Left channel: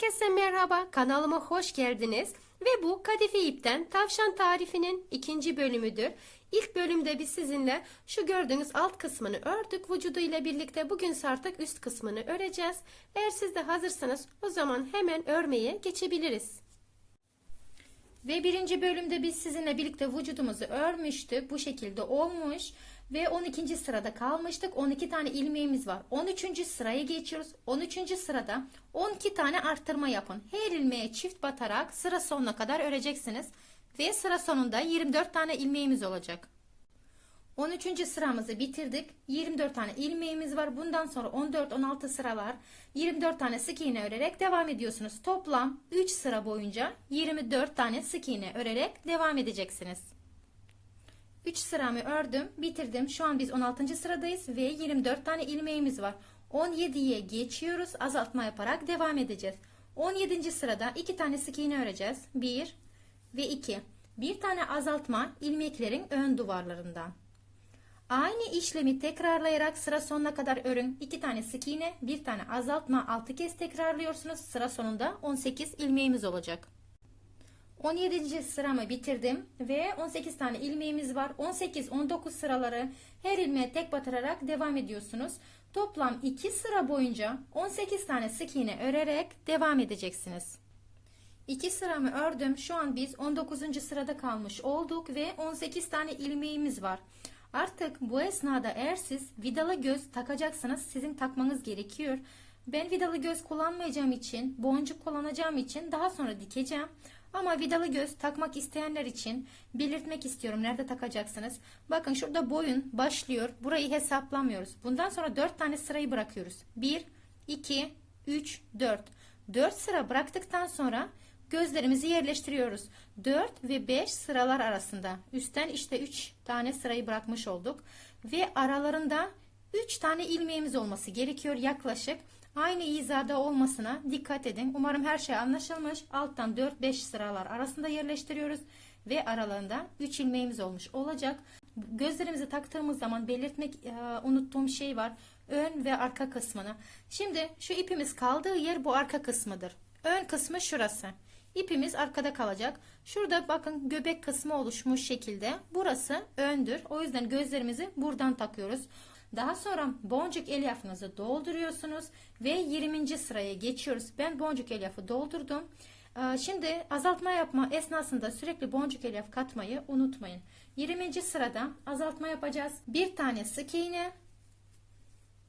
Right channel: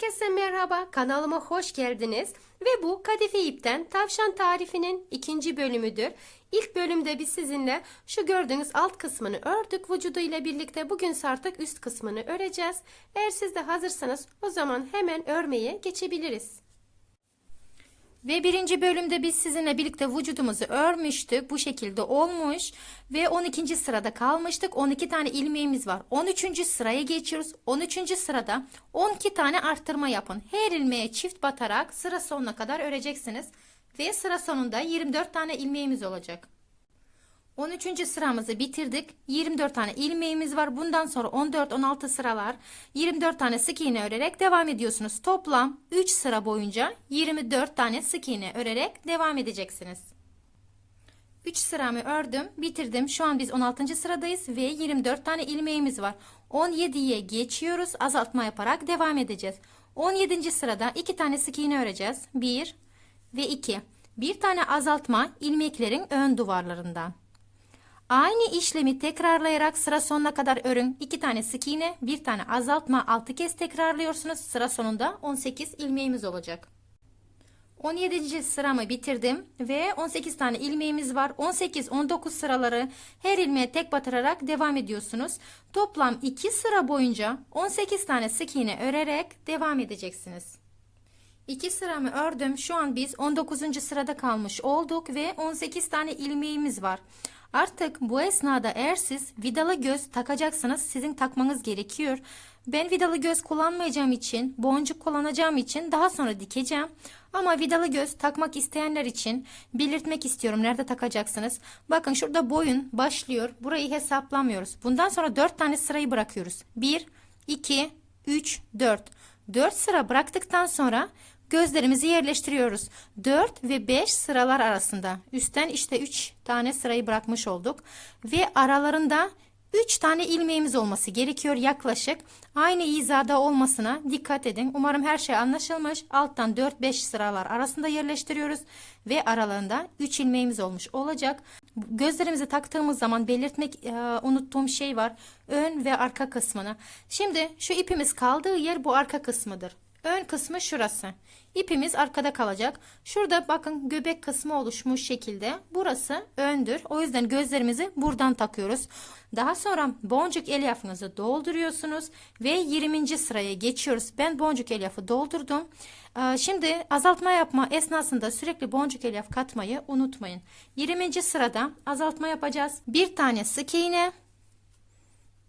Herkese merhaba, kanalıma hoş geldiniz. Ve bu kadife ipten tavşan tarifinin ikinci bölümüdür. İlk bölümde biz sizinle şu gördüğünüz alt kısmını ördük vücudu ile birlikte. Bugün artık üst kısmını öreceğiz. Eğer siz de hazırsanız o zaman hemen örmeye geçebiliriz. Ve birinci bölümde biz sizinle birlikte vücudumuzu örmüştük. Bu şekilde olmuş. Ve 12. sırada kalmıştık. 12 tane ilmeğimiz var. 13. sıraya geçiyoruz. 13. sırada 12 tane arttırma yapın. Her ilmeğe çift batarak sıra sonuna kadar öreceksiniz. Ve sıra sonunda 24 tane ilmeğimiz olacak. 13. sıramızı bitirdik. 24 tane ilmeğimiz var. Bundan sonra 14-16 sıralar 24 tane sık iğne örerek devam ediyorsunuz. Toplam 3 sıra boyunca 24 tane sık iğne örerek devam edeceksiniz. 3 sıramı ördüm, bitirdim. Şu an biz 16. sıradayız ve 24 tane ilmeğimiz var. 17'ye geçiyoruz. Azaltma yaparak devam edeceğiz. 17. sırada 2 tane sık iğne öreceğiz. 1 ve 2. Bir tane azaltma ilmeklerin ön duvarlarından. Aynı işlemi tekrarlayarak sıra sonuna kadar örün. 2 tane sık iğne, bir tane azaltma 6 kez tekrarlıyorsunuz. Sıra sonunda 18 ilmeğimiz olacak. 17. sıramı bitirdim ve 18 tane ilmeğimiz var. 18-19 sıraları her ilmeğe tek batırarak devam ediyorsunuz. Toplam 2 sıra boyunca 18 tane sık iğne örerek devam edeceksiniz. 2 sıramı ördüm. Şu an biz 19. sırada kalmış olduk ve 18 tane ilmeğimiz var. Artık bu esnada eğer siz vidalı göz takacaksanız sizin takmanız gerekiyor. Ben vidalı göz kullanmayacağım için, boncuk kullanacağım için daha sonra dikeceğim. Ama vidalı göz takmak isteyenler için belirtmek istiyorum nerede takacaksınız. Bakın şurada boyun başlıyor. Burayı hesaplamıyoruz. Bundan sonra 4 tane sırayı bırakıyoruz. 1, 2, 3, 4. 4 sıra bıraktıktan sonra gözlerimizi yerleştiriyoruz. 4 ve 5 sıralar arasında. Üstten işte 3 tane sırayı bırakmış olduk. Ve aralarında 3 tane ilmeğimiz olması gerekiyor yaklaşık. Aynı hizada olmasına dikkat edin. Umarım her şey anlaşılmış. Alttan 4-5 sıralar arasında yerleştiriyoruz. Ve aralarında 3 ilmeğimiz olmuş olacak. Gözlerimizi taktığımız zaman belirtmek e, unuttuğum şey var. Ön ve arka kısmını. Şimdi şu ipimiz kaldığı yer bu arka kısmıdır. Ön kısmı şurası. İpimiz arkada kalacak. Şurada bakın göbek kısmı oluşmuş şekilde. Burası öndür. O yüzden gözlerimizi buradan takıyoruz. Daha sonra boncuk elyafınızı dolduruyorsunuz ve 20. sıraya geçiyoruz. Ben boncuk elyafı doldurdum. Ee, Şimdi azaltma yapma esnasında sürekli boncuk elyaf katmayı unutmayın. 20. sırada azaltma yapacağız. Bir tane sık iğne,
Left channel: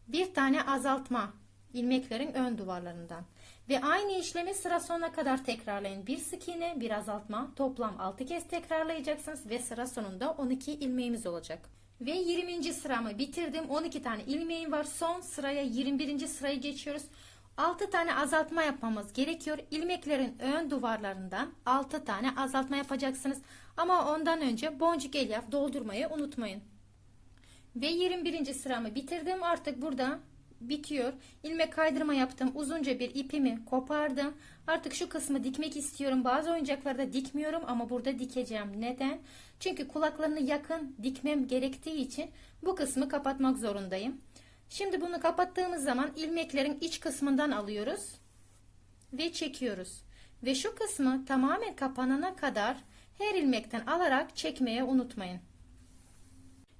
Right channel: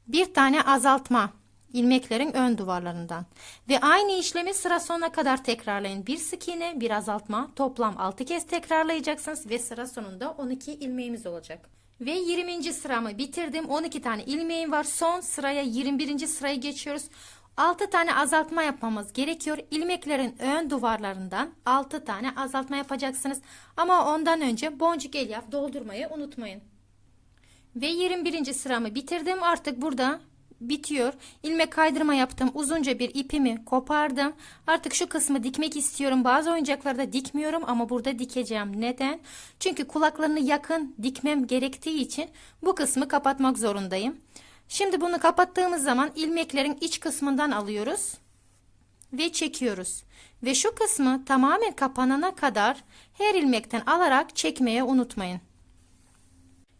bir tane azaltma ilmeklerin ön duvarlarından ve aynı işlemi sıra sonuna kadar tekrarlayın. Bir sık iğne, bir azaltma toplam 6 kez tekrarlayacaksınız ve sıra sonunda 12 ilmeğimiz olacak. Ve 20. sıramı bitirdim. 12 tane ilmeğim var. Son sıraya 21. sıraya geçiyoruz. 6 tane azaltma yapmamız gerekiyor. İlmeklerin ön duvarlarından 6 tane azaltma yapacaksınız. Ama ondan önce boncuk elyaf doldurmayı unutmayın. Ve 21. sıramı bitirdim. Artık burada bitiyor. İlmek kaydırma yaptım. Uzunca bir ipimi kopardım. Artık şu kısmı dikmek istiyorum. Bazı oyuncaklarda dikmiyorum ama burada dikeceğim. Neden? Çünkü kulaklarını yakın dikmem gerektiği için bu kısmı kapatmak zorundayım. Şimdi bunu kapattığımız zaman ilmeklerin iç kısmından alıyoruz ve çekiyoruz. Ve şu kısmı tamamen kapanana kadar her ilmekten alarak çekmeye unutmayın.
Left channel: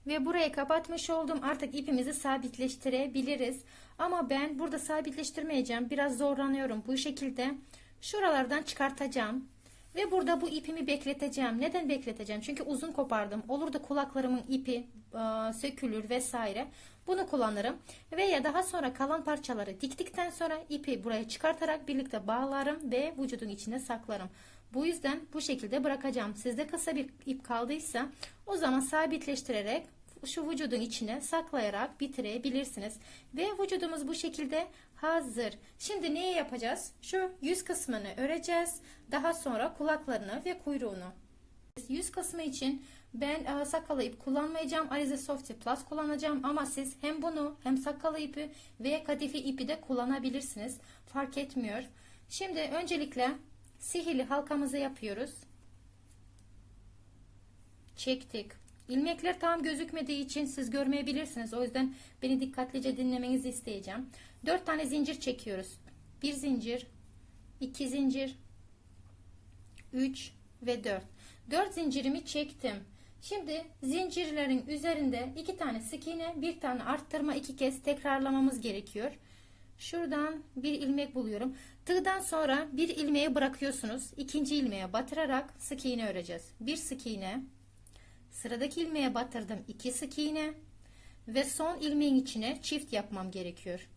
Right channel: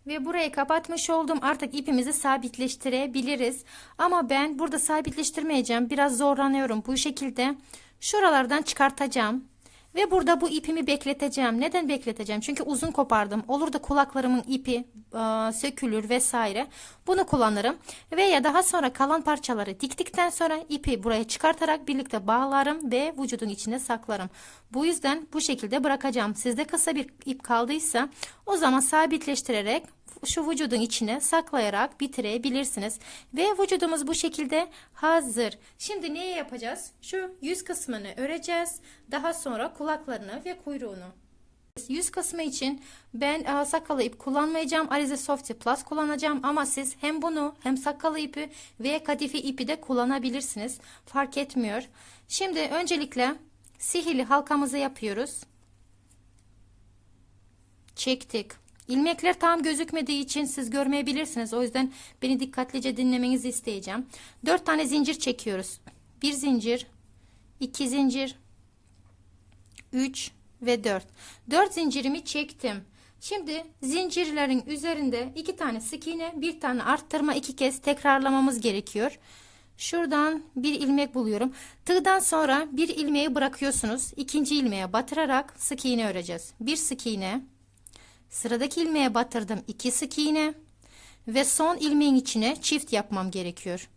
Ve burayı kapatmış oldum. Artık ipimizi sabitleştirebiliriz. Ama ben burada sabitleştirmeyeceğim. Biraz zorlanıyorum. Bu şekilde şuralardan çıkartacağım. Ve burada bu ipimi bekleteceğim. Neden bekleteceğim? Çünkü uzun kopardım. Olur da kulaklarımın ipi e, sökülür vesaire. Bunu kullanırım. Veya daha sonra kalan parçaları diktikten sonra ipi buraya çıkartarak birlikte bağlarım ve vücudun içine saklarım. Bu yüzden bu şekilde bırakacağım. Sizde kısa bir ip kaldıysa o zaman sabitleştirerek şu vücudun içine saklayarak bitirebilirsiniz. Ve vücudumuz bu şekilde hazır. Şimdi ne yapacağız? Şu yüz kısmını öreceğiz. Daha sonra kulaklarını ve kuyruğunu. Yüz kısmı için ben e, sakalı ip kullanmayacağım. Alize Softy Plus kullanacağım ama siz hem bunu hem sakalı ipi ve kadife ipi de kullanabilirsiniz. Fark etmiyor. Şimdi öncelikle sihirli halkamızı yapıyoruz. Çektik. İlmekler tam gözükmediği için siz görmeyebilirsiniz. O yüzden beni dikkatlice dinlemenizi isteyeceğim. 4 tane zincir çekiyoruz. Bir zincir, 2 zincir 3 ve 4 4 zincirimi çektim şimdi zincirlerin üzerinde iki tane sık iğne bir tane arttırma iki kez tekrarlamamız gerekiyor şuradan bir ilmek buluyorum tığdan sonra bir ilmeği bırakıyorsunuz ikinci ilmeğe batırarak sık iğne öreceğiz bir sık iğne sıradaki ilmeğe batırdım iki sık iğne ve son ilmeğin içine çift yapmam gerekiyor.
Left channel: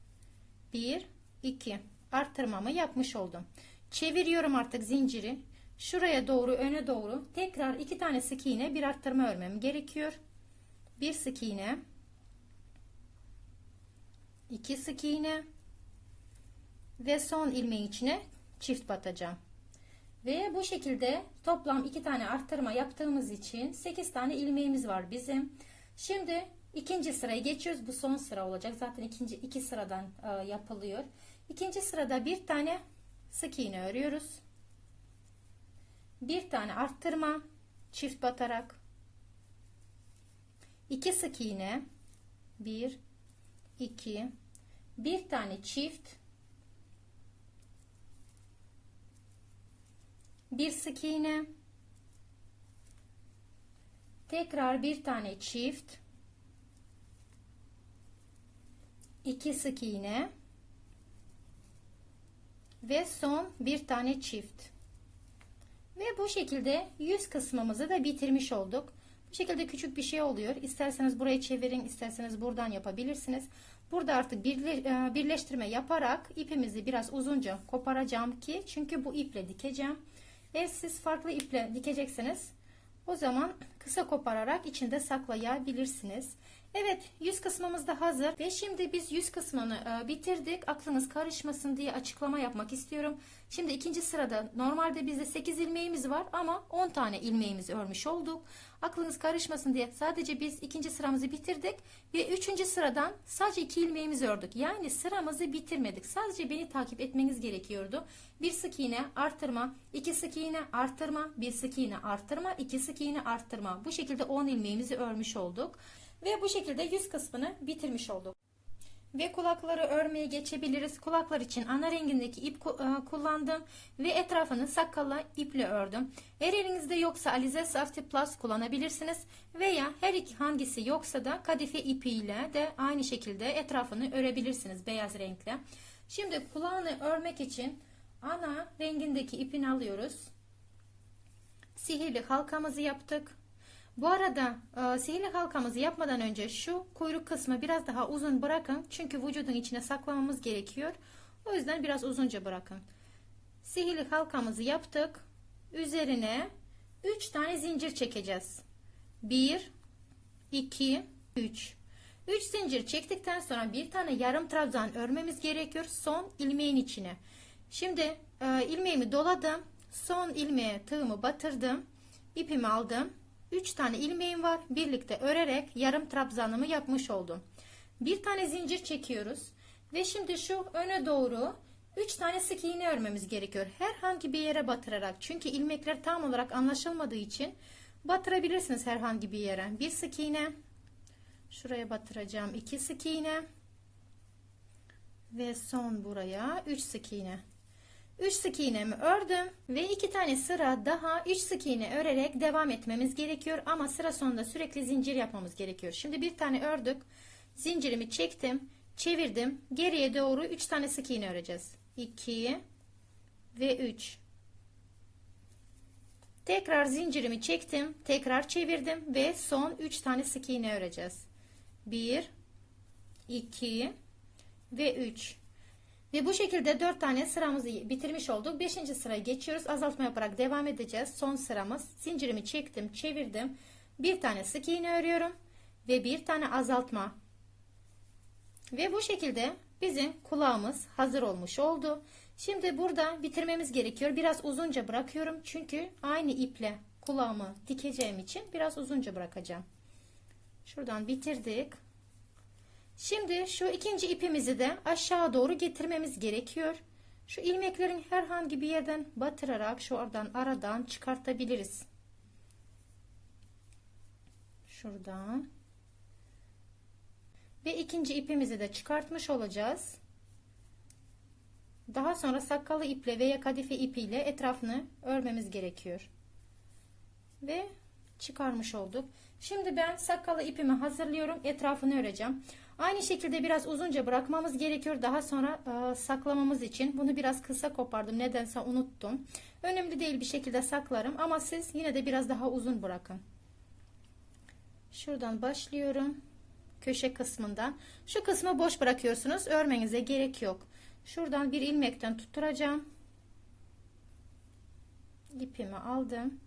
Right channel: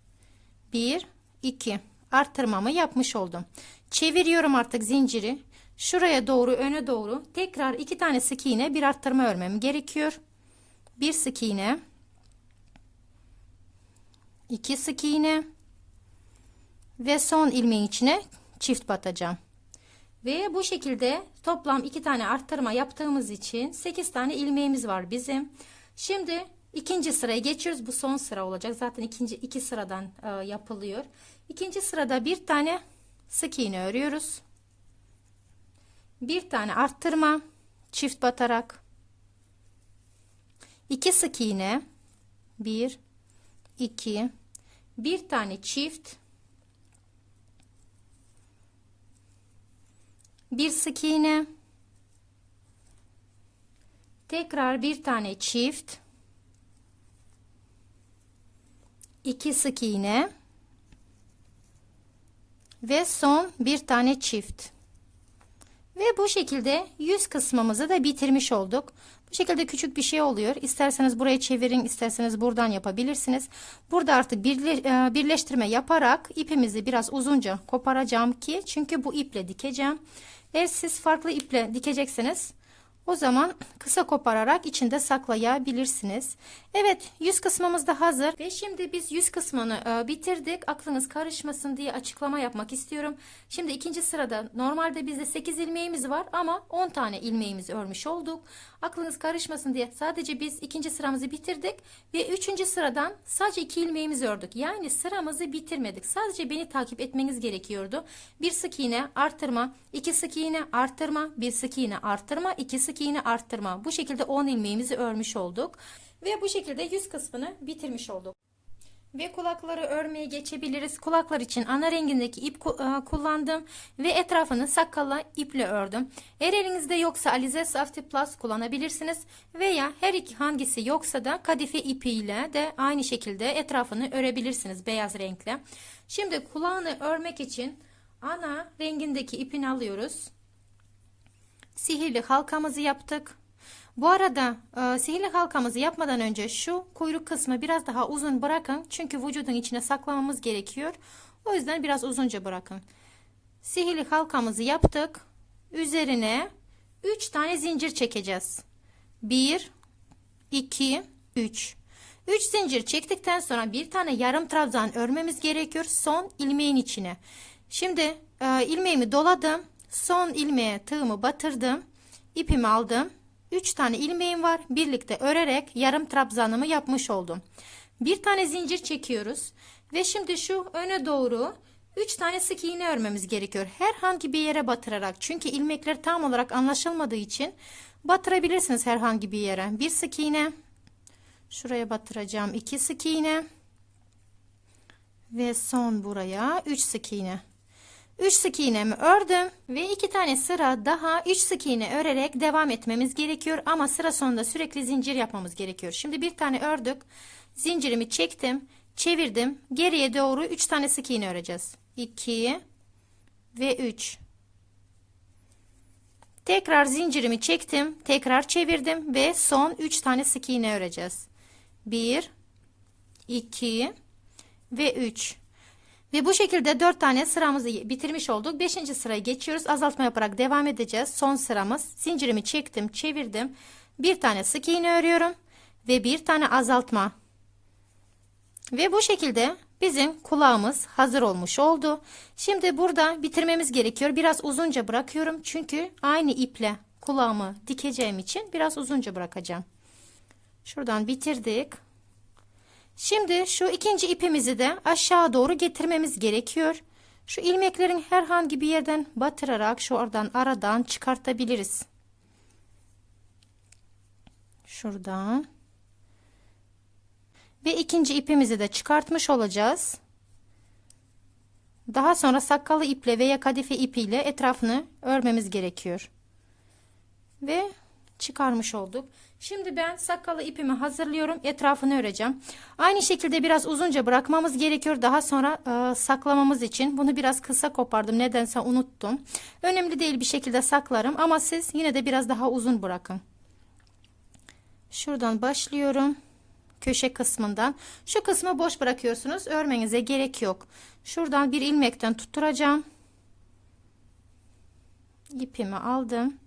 1 2 arttırmamı yapmış oldum. Çeviriyorum artık zinciri. Şuraya doğru öne doğru tekrar iki tane sık iğne bir arttırma örmem gerekiyor. Bir sık iğne. İki sık iğne. Ve son ilmeğin içine çift batacağım ve bu şekilde toplam iki tane arttırma yaptığımız için 8 tane ilmeğimiz var bizim. Şimdi ikinci sıraya geçiyoruz. Bu son sıra olacak. Zaten ikinci iki sıradan e, yapılıyor. İkinci sırada bir tane sık iğne örüyoruz. Bir tane arttırma çift batarak. İki sık iğne. Bir iki. Bir tane çift bir sık iğne tekrar bir tane çift iki sık iğne ve son bir tane çift ve bu şekilde yüz kısmımızı da bitirmiş olduk. Bu şekilde küçük bir şey oluyor. İsterseniz buraya çevirin, isterseniz buradan yapabilirsiniz. Burada artık e, birleştirme yaparak ipimizi biraz uzunca koparacağım ki çünkü bu iple dikeceğim. Eğer siz farklı iple dikecekseniz o zaman kısa kopararak içinde saklayabilirsiniz. Evet yüz kısmımız da hazır ve şimdi biz yüz kısmını e, bitirdik. Aklınız karışmasın diye açıklama yapmak istiyorum. Şimdi ikinci sırada normalde bizde 8 ilmeğimiz var ama 10 tane ilmeğimizi örmüş olduk. Aklınız karışmasın diye sadece biz ikinci sıramızı bitirdik ve üçüncü sıradan sadece iki ilmeğimizi ördük. Yani sıramızı bitirmedik. Sadece beni takip etmeniz gerekiyordu. Bir sık iğne artırma, iki sık iğne artırma, bir sık iğne artırma, iki sık iğne arttırma. Bu şekilde 10 ilmeğimizi örmüş olduk. Ve bu şekilde yüz kısmını bitirmiş olduk. Ve kulakları örmeye geçebiliriz. Kulaklar için ana rengindeki ip e, kullandım ve etrafını sakalla iple ördüm. Eğer elinizde yoksa Alize Safety Plus kullanabilirsiniz veya her iki hangisi yoksa da kadife ipiyle de aynı şekilde etrafını örebilirsiniz beyaz renkle. Şimdi kulağını örmek için ana rengindeki ipini alıyoruz. Sihirli halkamızı yaptık. Bu arada e, sihirli halkamızı yapmadan önce şu kuyruk kısmı biraz daha uzun bırakın. Çünkü vücudun içine saklamamız gerekiyor. O yüzden biraz uzunca bırakın. Sihirli halkamızı yaptık. Üzerine 3 tane zincir çekeceğiz. 1 2 3 3 zincir çektikten sonra bir tane yarım trabzan örmemiz gerekiyor son ilmeğin içine. Şimdi e, ilmeğimi doladım. Son ilmeğe tığımı batırdım. ipimi aldım. 3 tane ilmeğim var. Birlikte örerek yarım trabzanımı yapmış oldum. Bir tane zincir çekiyoruz. Ve şimdi şu öne doğru 3 tane sık iğne örmemiz gerekiyor. Herhangi bir yere batırarak. Çünkü ilmekler tam olarak anlaşılmadığı için batırabilirsiniz herhangi bir yere. Bir sık iğne. Şuraya batıracağım. 2 sık iğne. Ve son buraya 3 sık iğne. 3 sık iğnemi ördüm ve 2 tane sıra daha 3 sık iğne örerek devam etmemiz gerekiyor ama sıra sonunda sürekli zincir yapmamız gerekiyor. Şimdi bir tane ördük. Zincirimi çektim, çevirdim. Geriye doğru 3 tane sık iğne öreceğiz. 2 ve 3. Tekrar zincirimi çektim, tekrar çevirdim ve son 3 tane sık iğne öreceğiz. 1 2 ve 3. Ve bu şekilde 4 tane sıramızı bitirmiş olduk. 5. sıraya geçiyoruz. Azaltma yaparak devam edeceğiz. Son sıramız. Zincirimi çektim, çevirdim. Bir tane sık iğne örüyorum ve bir tane azaltma. Ve bu şekilde bizim kulağımız hazır olmuş oldu. Şimdi burada bitirmemiz gerekiyor. Biraz uzunca bırakıyorum. Çünkü aynı iple kulağımı dikeceğim için biraz uzunca bırakacağım. Şuradan bitirdik. Şimdi şu ikinci ipimizi de aşağı doğru getirmemiz gerekiyor. Şu ilmeklerin herhangi bir yerden batırarak şu oradan aradan çıkartabiliriz. Şuradan. Ve ikinci ipimizi de çıkartmış olacağız. Daha sonra sakkalı iple veya kadife ipiyle etrafını örmemiz gerekiyor. Ve çıkarmış olduk. Şimdi ben sakkalı ipimi hazırlıyorum. Etrafını öreceğim. Aynı şekilde biraz uzunca bırakmamız gerekiyor. Daha sonra e, saklamamız için. Bunu biraz kısa kopardım. Nedense unuttum. Önemli değil bir şekilde saklarım. Ama siz yine de biraz daha uzun bırakın. Şuradan başlıyorum. Köşe kısmından. Şu kısmı boş bırakıyorsunuz. Örmenize gerek yok. Şuradan bir ilmekten tutturacağım. İpimi aldım.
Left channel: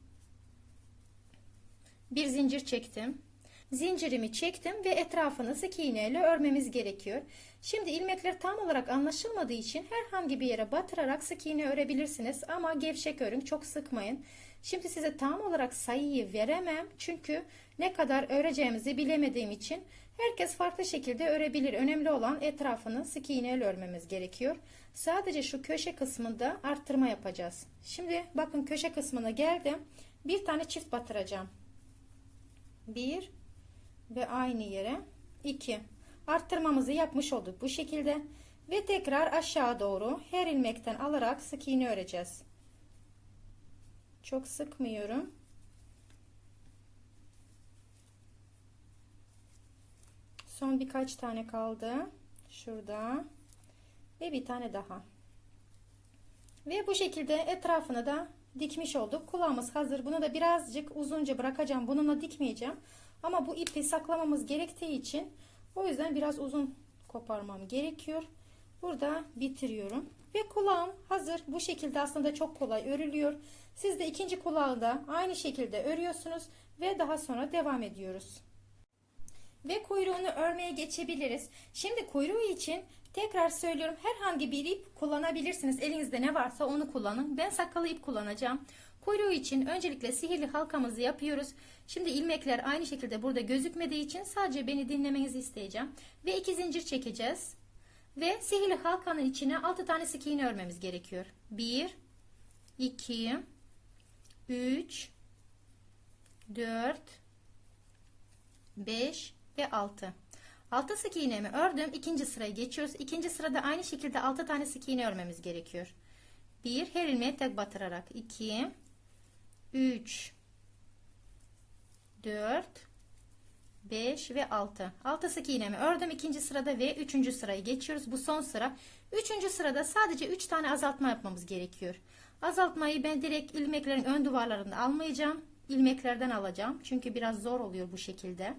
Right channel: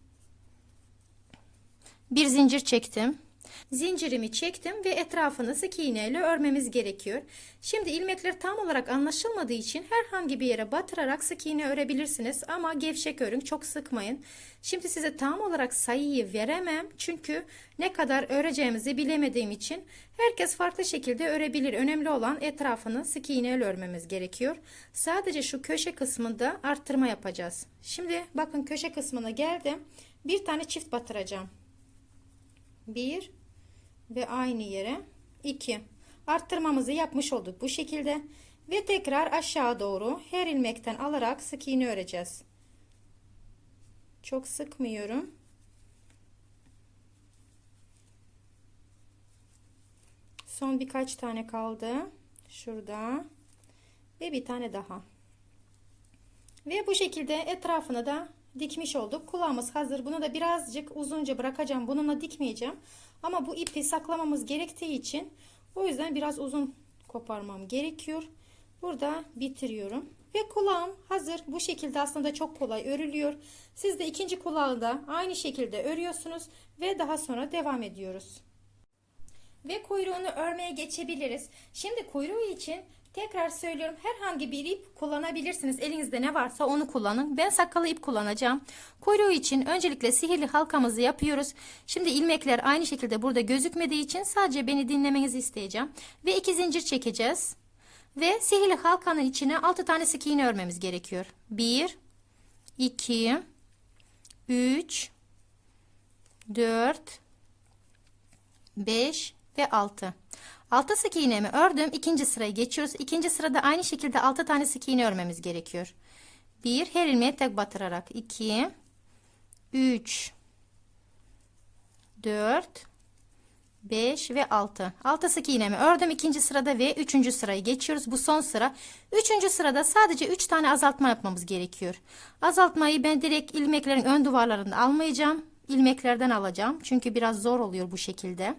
Bir zincir çektim. Zincirimi çektim ve etrafını sık iğne ile örmemiz gerekiyor. Şimdi ilmekler tam olarak anlaşılmadığı için herhangi bir yere batırarak sık iğne örebilirsiniz ama gevşek örün çok sıkmayın. Şimdi size tam olarak sayıyı veremem çünkü ne kadar öreceğimizi bilemediğim için herkes farklı şekilde örebilir. Önemli olan etrafını sık iğne ile örmemiz gerekiyor. Sadece şu köşe kısmında arttırma yapacağız. Şimdi bakın köşe kısmına geldim. Bir tane çift batıracağım. 1 ve aynı yere 2 arttırmamızı yapmış olduk bu şekilde ve tekrar aşağı doğru her ilmekten alarak sık iğne öreceğiz. Çok sıkmıyorum. Son birkaç tane kaldı. Şurada ve bir tane daha. Ve bu şekilde etrafını da dikmiş olduk. Kulağımız hazır. Bunu da birazcık uzunca bırakacağım. Bununla dikmeyeceğim. Ama bu ipi saklamamız gerektiği için o yüzden biraz uzun koparmam gerekiyor. Burada bitiriyorum. Ve kulağım hazır. Bu şekilde aslında çok kolay örülüyor. Siz de ikinci kulağı da aynı şekilde örüyorsunuz ve daha sonra devam ediyoruz. Ve kuyruğunu örmeye geçebiliriz. Şimdi kuyruğu için Tekrar söylüyorum herhangi bir ip kullanabilirsiniz. Elinizde ne varsa onu kullanın. Ben sakkalı ip kullanacağım. Kuyruğu için öncelikle sihirli halkamızı yapıyoruz. Şimdi ilmekler aynı şekilde burada gözükmediği için sadece beni dinlemenizi isteyeceğim. Ve iki zincir çekeceğiz. Ve sihirli halkanın içine 6 tane sık iğne örmemiz gerekiyor. 1 2 3 4 5 ve 6. 6 sık iğnemi ördüm. İkinci sıraya geçiyoruz. İkinci sırada aynı şekilde 6 tane sık iğne örmemiz gerekiyor. 1 her ilmeğe tek batırarak 2 3 4 5 ve 6. 6 sık iğnemi ördüm ikinci sırada ve 3. sırayı geçiyoruz. Bu son sıra. 3. sırada sadece 3 tane azaltma yapmamız gerekiyor. Azaltmayı ben direkt ilmeklerin ön duvarlarında almayacağım ilmeklerden alacağım. Çünkü biraz zor oluyor bu şekilde.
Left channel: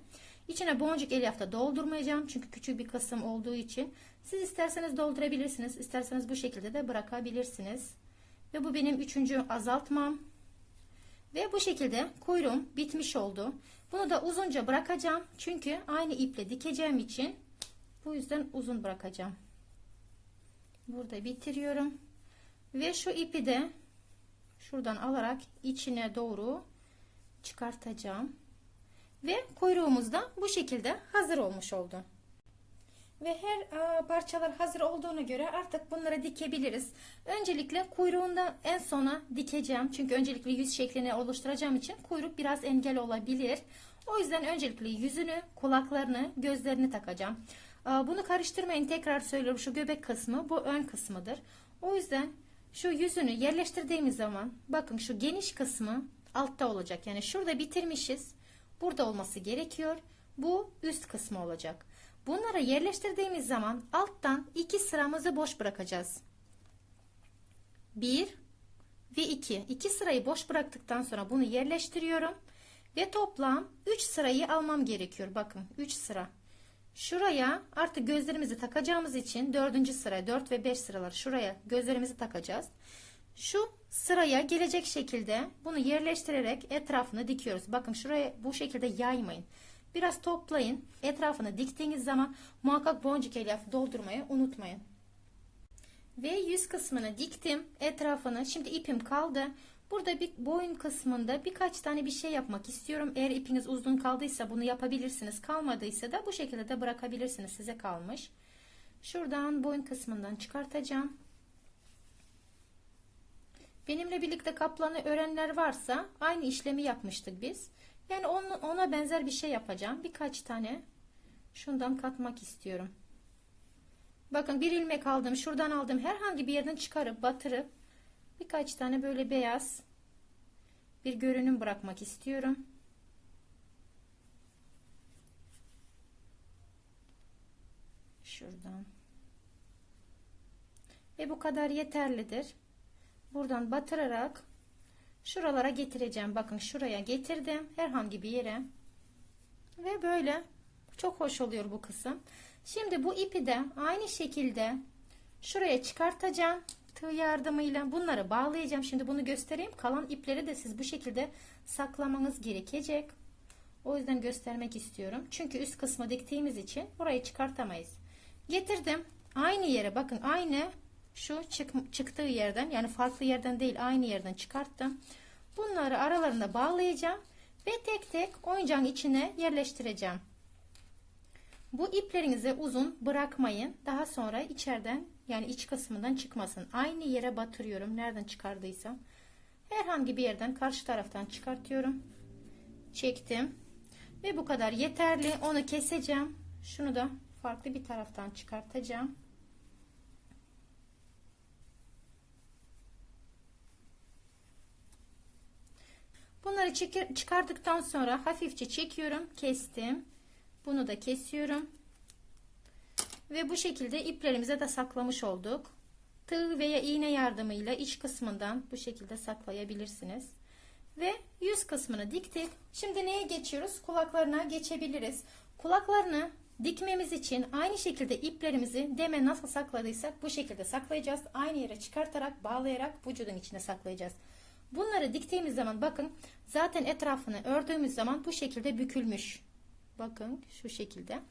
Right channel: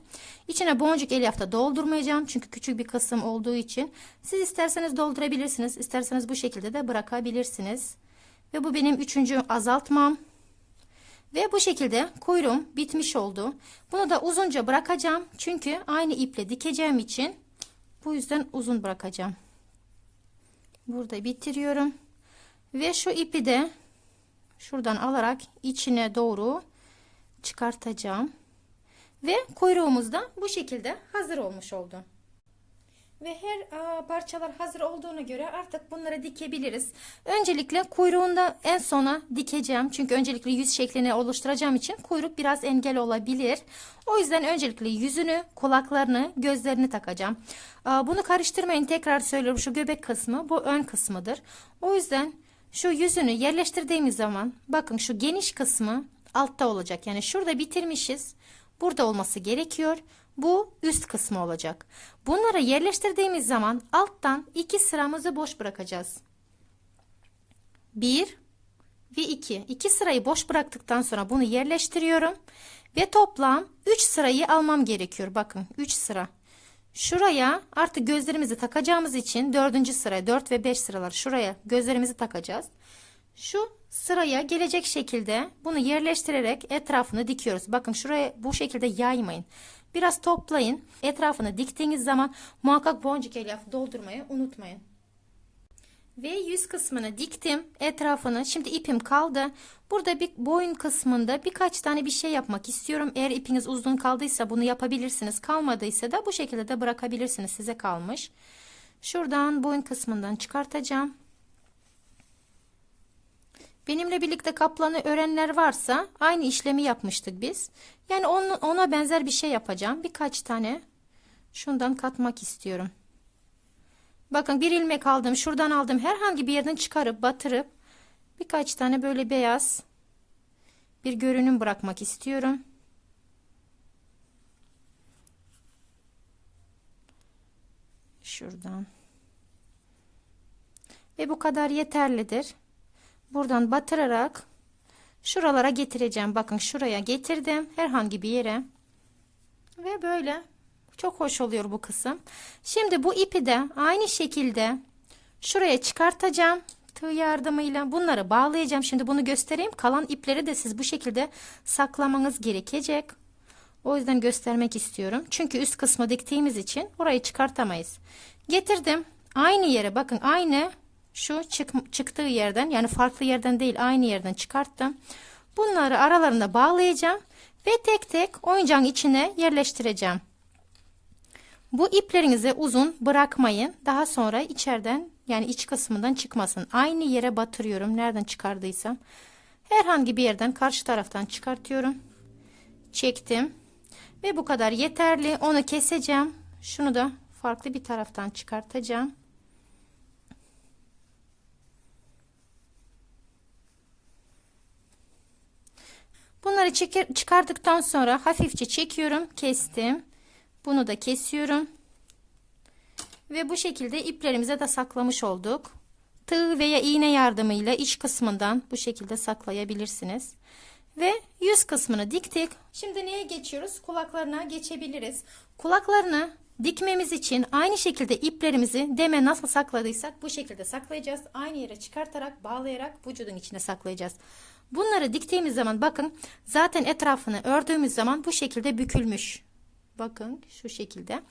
İçine boncuk elyafta doldurmayacağım. Çünkü küçük bir kısım olduğu için. Siz isterseniz doldurabilirsiniz. isterseniz bu şekilde de bırakabilirsiniz. Ve bu benim üçüncü azaltmam. Ve bu şekilde kuyruğum bitmiş oldu. Bunu da uzunca bırakacağım. Çünkü aynı iple dikeceğim için bu yüzden uzun bırakacağım. Burada bitiriyorum. Ve şu ipi de şuradan alarak içine doğru çıkartacağım. Ve kuyruğumuz da bu şekilde hazır olmuş oldu. Ve her e, parçalar hazır olduğuna göre artık bunları dikebiliriz. Öncelikle kuyruğunda en sona dikeceğim. Çünkü öncelikle yüz şeklini oluşturacağım için kuyruk biraz engel olabilir. O yüzden öncelikle yüzünü, kulaklarını, gözlerini takacağım. E, bunu karıştırmayın tekrar söylüyorum. Şu göbek kısmı bu ön kısmıdır. O yüzden şu yüzünü yerleştirdiğimiz zaman bakın şu geniş kısmı altta olacak. Yani şurada bitirmişiz. Burada olması gerekiyor. Bu üst kısmı olacak. Bunları yerleştirdiğimiz zaman alttan iki sıramızı boş bırakacağız. Bir ve iki. İki sırayı boş bıraktıktan sonra bunu yerleştiriyorum. Ve toplam 3 sırayı almam gerekiyor. Bakın 3 sıra. Şuraya artık gözlerimizi takacağımız için dördüncü sıraya 4 ve 5 sıralar şuraya gözlerimizi takacağız. Şu sıraya gelecek şekilde bunu yerleştirerek etrafını dikiyoruz. Bakın şuraya bu şekilde yaymayın. Biraz toplayın. Etrafını diktiğiniz zaman muhakkak boncuk elyaf doldurmayı unutmayın. Ve yüz kısmını diktim. Etrafını. Şimdi ipim kaldı. Burada bir boyun kısmında birkaç tane bir şey yapmak istiyorum. Eğer ipiniz uzun kaldıysa bunu yapabilirsiniz. Kalmadıysa da bu şekilde de bırakabilirsiniz. Size kalmış. Şuradan boyun kısmından çıkartacağım. Benimle birlikte kaplanı öğrenler varsa aynı işlemi yapmıştık biz. Yani ona benzer bir şey yapacağım. Birkaç tane şundan katmak istiyorum. Bakın bir ilmek aldım. Şuradan aldım. Herhangi bir yerden çıkarıp batırıp birkaç tane böyle beyaz bir görünüm bırakmak istiyorum. Şuradan. Ve bu kadar yeterlidir. Buradan batırarak şuralara getireceğim. Bakın şuraya getirdim. Herhangi bir yere. Ve böyle çok hoş oluyor bu kısım. Şimdi bu ipi de aynı şekilde şuraya çıkartacağım. Tığ yardımıyla bunları bağlayacağım. Şimdi bunu göstereyim. Kalan ipleri de siz bu şekilde saklamanız gerekecek. O yüzden göstermek istiyorum. Çünkü üst kısmı diktiğimiz için orayı çıkartamayız. Getirdim. Aynı yere bakın aynı şu çık, çıktığı yerden yani farklı yerden değil aynı yerden çıkarttım. Bunları aralarında bağlayacağım ve tek tek oyuncağın içine yerleştireceğim. Bu iplerinizi uzun bırakmayın. Daha sonra içeriden yani iç kısmından çıkmasın. Aynı yere batırıyorum. Nereden çıkardıysam. Herhangi bir yerden karşı taraftan çıkartıyorum. Çektim. Ve bu kadar yeterli. Onu keseceğim. Şunu da farklı bir taraftan çıkartacağım. Bunları çeker, çıkardıktan sonra hafifçe çekiyorum. Kestim. Bunu da kesiyorum. Ve bu şekilde iplerimize de saklamış olduk. Tığ veya iğne yardımıyla iç kısmından bu şekilde saklayabilirsiniz. Ve yüz kısmını diktik. Şimdi neye geçiyoruz? Kulaklarına geçebiliriz. Kulaklarını dikmemiz için aynı şekilde iplerimizi deme nasıl sakladıysak bu şekilde saklayacağız. Aynı yere çıkartarak bağlayarak vücudun içine saklayacağız. Bunları diktiğimiz zaman bakın zaten etrafını ördüğümüz zaman bu şekilde bükülmüş. Bakın şu şekilde.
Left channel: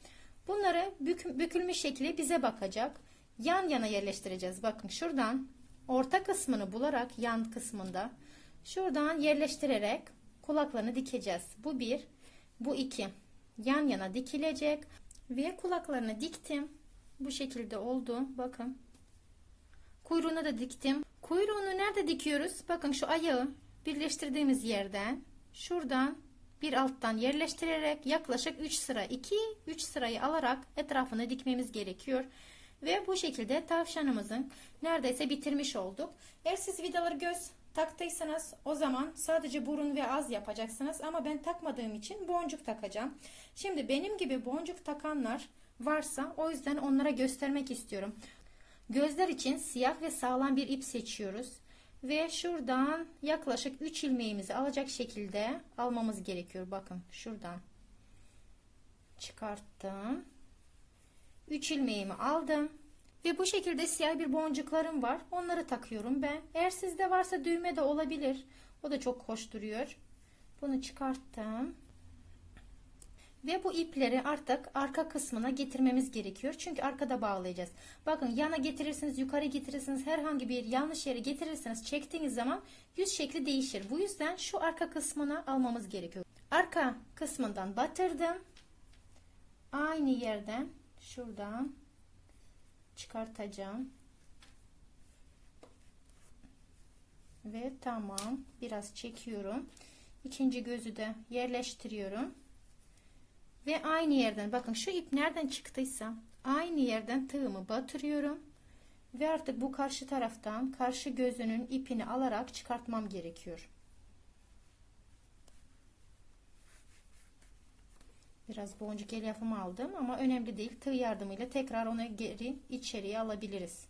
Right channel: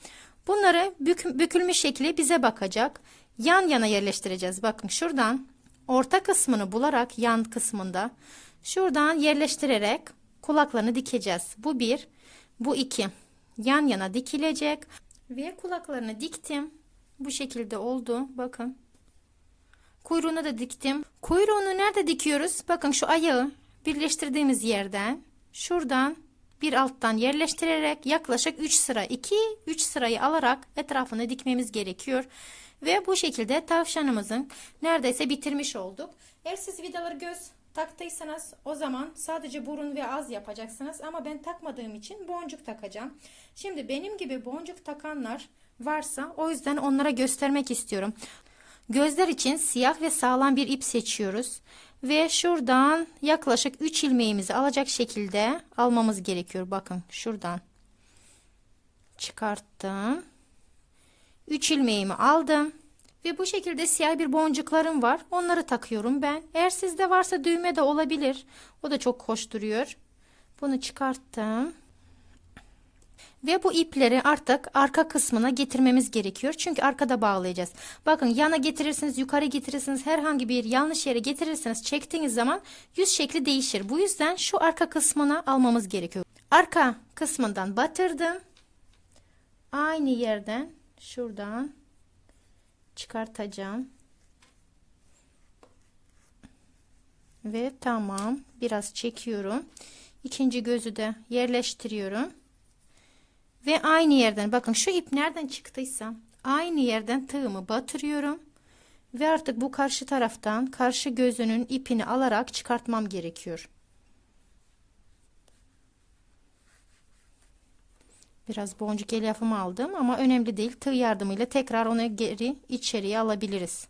Bunları bük, bükülmüş şekli bize bakacak. Yan yana yerleştireceğiz. Bakın şuradan orta kısmını bularak yan kısmında şuradan yerleştirerek kulaklarını dikeceğiz. Bu bir, bu iki. Yan yana dikilecek ve kulaklarını diktim. Bu şekilde oldu. Bakın. Kuyruğunu da diktim. Kuyruğunu nerede dikiyoruz? Bakın şu ayağı birleştirdiğimiz yerden şuradan bir alttan yerleştirerek yaklaşık 3 sıra 2 3 sırayı alarak etrafını dikmemiz gerekiyor. Ve bu şekilde tavşanımızın neredeyse bitirmiş olduk. Eğer siz vidaları göz taktıysanız o zaman sadece burun ve az yapacaksınız ama ben takmadığım için boncuk takacağım. Şimdi benim gibi boncuk takanlar varsa o yüzden onlara göstermek istiyorum. Gözler için siyah ve sağlam bir ip seçiyoruz. Ve şuradan yaklaşık 3 ilmeğimizi alacak şekilde almamız gerekiyor. Bakın şuradan çıkarttım. 3 ilmeğimi aldım. Ve bu şekilde siyah bir boncuklarım var. Onları takıyorum ben. Eğer sizde varsa düğme de olabilir. O da çok hoş duruyor. Bunu çıkarttım. Ve bu ipleri artık arka kısmına getirmemiz gerekiyor. Çünkü arkada bağlayacağız. Bakın yana getirirsiniz, yukarı getirirsiniz. Herhangi bir yanlış yere getirirseniz çektiğiniz zaman yüz şekli değişir. Bu yüzden şu arka kısmına almamız gerekiyor. Arka kısmından batırdım. Aynı yerden şuradan çıkartacağım. Ve tamam. Biraz çekiyorum. İkinci gözü de yerleştiriyorum. Ve aynı yerden bakın şu ip nereden çıktıysa aynı yerden tığımı batırıyorum. Ve artık bu karşı taraftan karşı gözünün ipini alarak çıkartmam gerekiyor. Biraz boncuk elyafımı aldım ama önemli değil. Tığ yardımıyla tekrar onu geri içeriye alabiliriz.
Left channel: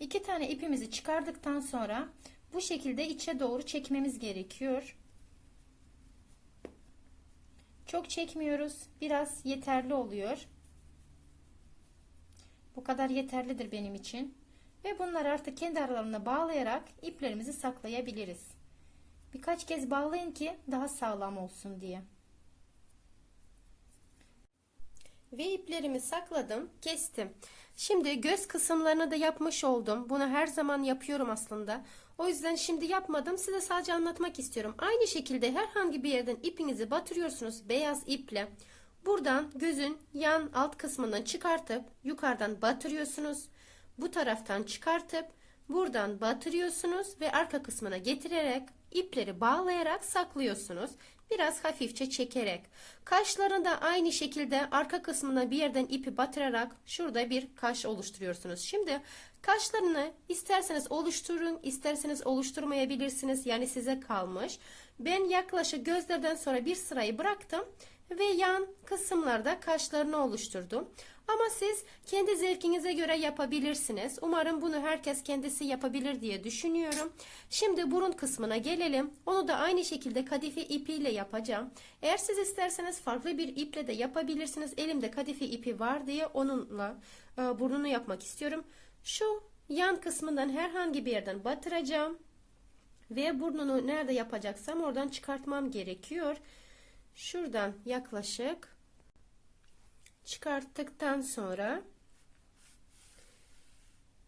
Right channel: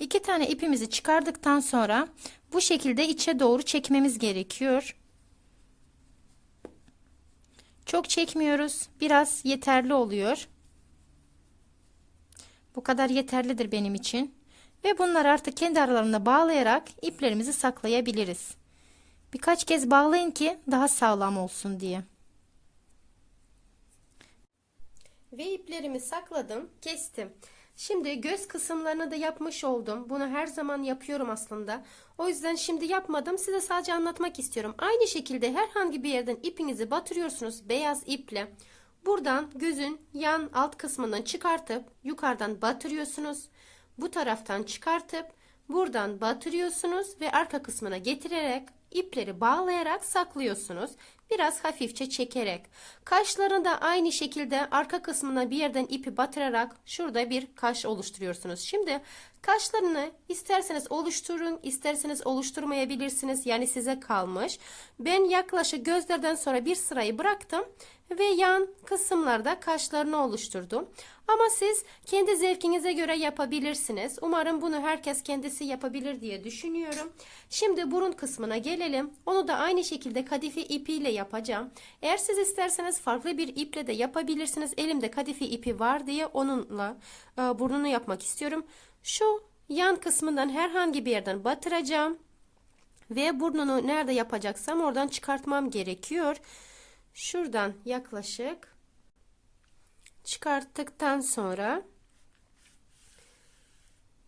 İki tane ipimizi çıkardıktan sonra bu şekilde içe doğru çekmemiz gerekiyor. Çok çekmiyoruz. Biraz yeterli oluyor. Bu kadar yeterlidir benim için. Ve bunları artık kendi aralarında bağlayarak iplerimizi saklayabiliriz. Birkaç kez bağlayın ki daha sağlam olsun diye. Ve iplerimi sakladım, kestim. Şimdi göz kısımlarını da yapmış oldum. Bunu her zaman yapıyorum aslında. O yüzden şimdi yapmadım. Size sadece anlatmak istiyorum. Aynı şekilde herhangi bir yerden ipinizi batırıyorsunuz beyaz iple. Buradan gözün yan alt kısmından çıkartıp yukarıdan batırıyorsunuz. Bu taraftan çıkartıp buradan batırıyorsunuz ve arka kısmına getirerek ipleri bağlayarak saklıyorsunuz. Biraz hafifçe çekerek. Kaşlarını da aynı şekilde arka kısmına bir yerden ipi batırarak şurada bir kaş oluşturuyorsunuz. Şimdi kaşlarını isterseniz oluşturun, isterseniz oluşturmayabilirsiniz. Yani size kalmış. Ben yaklaşık gözlerden sonra bir sırayı bıraktım ve yan kısımlarda kaşlarını oluşturdum. Ama siz kendi zevkinize göre yapabilirsiniz. Umarım bunu herkes kendisi yapabilir diye düşünüyorum. Şimdi burun kısmına gelelim. Onu da aynı şekilde kadife ipiyle yapacağım. Eğer siz isterseniz farklı bir iple de yapabilirsiniz. Elimde kadife ipi var diye onunla e, burnunu yapmak istiyorum. Şu yan kısmından herhangi bir yerden batıracağım. Ve burnunu nerede yapacaksam oradan çıkartmam gerekiyor. Şuradan yaklaşık çıkarttıktan sonra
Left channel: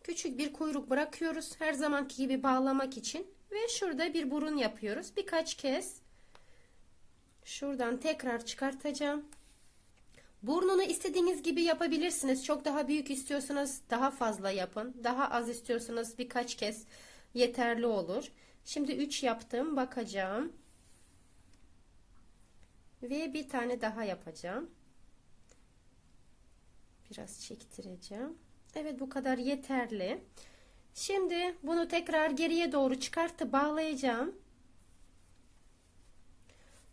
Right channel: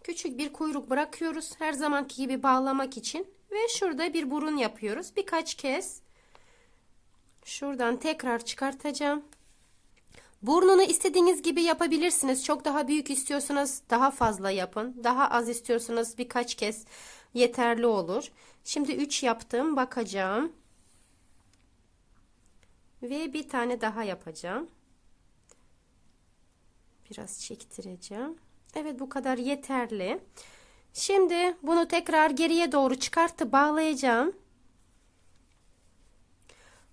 küçük bir kuyruk bırakıyoruz. Her zamanki gibi bağlamak için ve şurada bir burun yapıyoruz. Birkaç kez şuradan tekrar çıkartacağım. Burnunu istediğiniz gibi yapabilirsiniz. Çok daha büyük istiyorsanız daha fazla yapın. Daha az istiyorsanız birkaç kez yeterli olur. Şimdi 3 yaptım. Bakacağım. Ve bir tane daha yapacağım. Biraz çektireceğim. Evet bu kadar yeterli. Şimdi bunu tekrar geriye doğru çıkartıp bağlayacağım.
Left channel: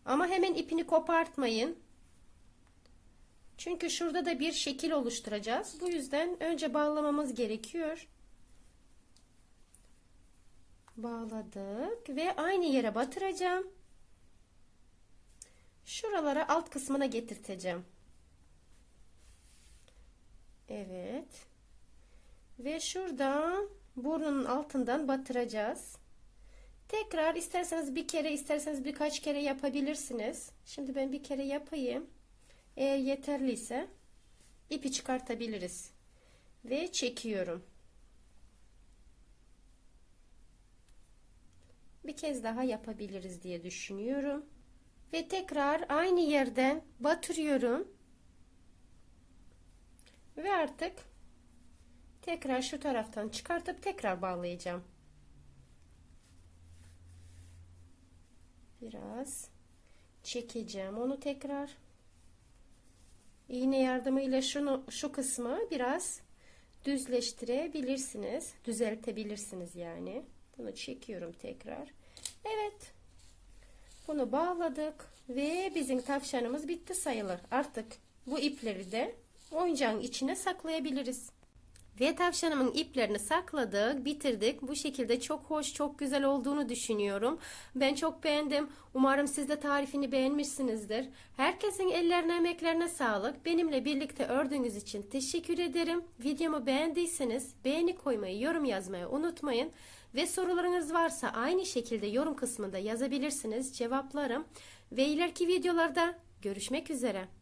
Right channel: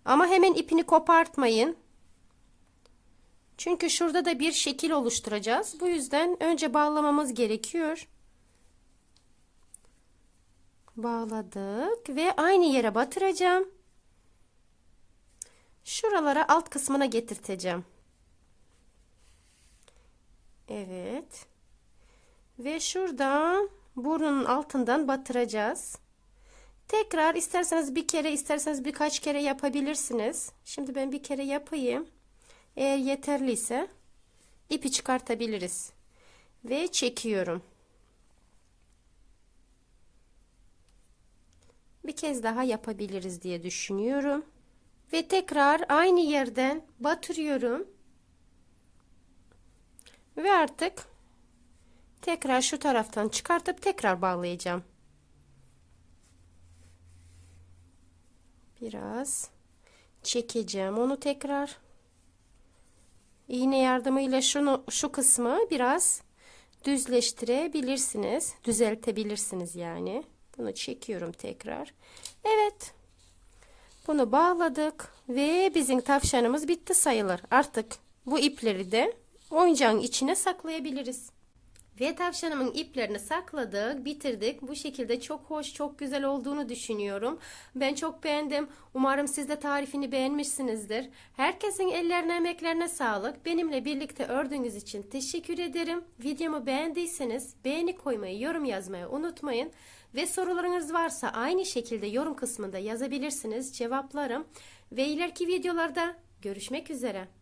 Ama hemen ipini kopartmayın. Çünkü şurada da bir şekil oluşturacağız. Bu yüzden önce bağlamamız gerekiyor. Bağladık ve aynı yere batıracağım. Şuralara alt kısmına getirteceğim. Evet. Ve şuradan burnunun altından batıracağız. Tekrar isterseniz bir kere isterseniz birkaç kere yapabilirsiniz. Şimdi ben bir kere yapayım. Eğer yeterliyse ipi çıkartabiliriz. Ve çekiyorum. Bir kez daha yapabiliriz diye düşünüyorum. Ve tekrar aynı yerden batırıyorum. Ve artık tekrar şu taraftan çıkartıp tekrar bağlayacağım. Biraz çekeceğim onu tekrar. İğne yardımıyla şunu şu kısmı biraz düzleştirebilirsiniz. Düzeltebilirsiniz yani. Bunu çekiyorum tekrar. Evet. Bunu bağladık ve bizim tavşanımız bitti sayılır. Artık bu ipleri de oyuncağın içine saklayabiliriz. Ve tavşanımın iplerini sakladık, bitirdik. Bu şekilde çok hoş, çok güzel olduğunu düşünüyorum. Ben çok beğendim. Umarım siz de tarifini beğenmişsinizdir. Herkesin ellerine, emeklerine sağlık. Benimle birlikte ördüğünüz için teşekkür ederim. Videomu beğendiyseniz beğeni koymayı, yorum yazmayı unutmayın. Ve sorularınız varsa aynı şekilde yorum kısmında yazabilirsiniz. Cevaplarım. Ve ileriki videolarda görüşmek üzere.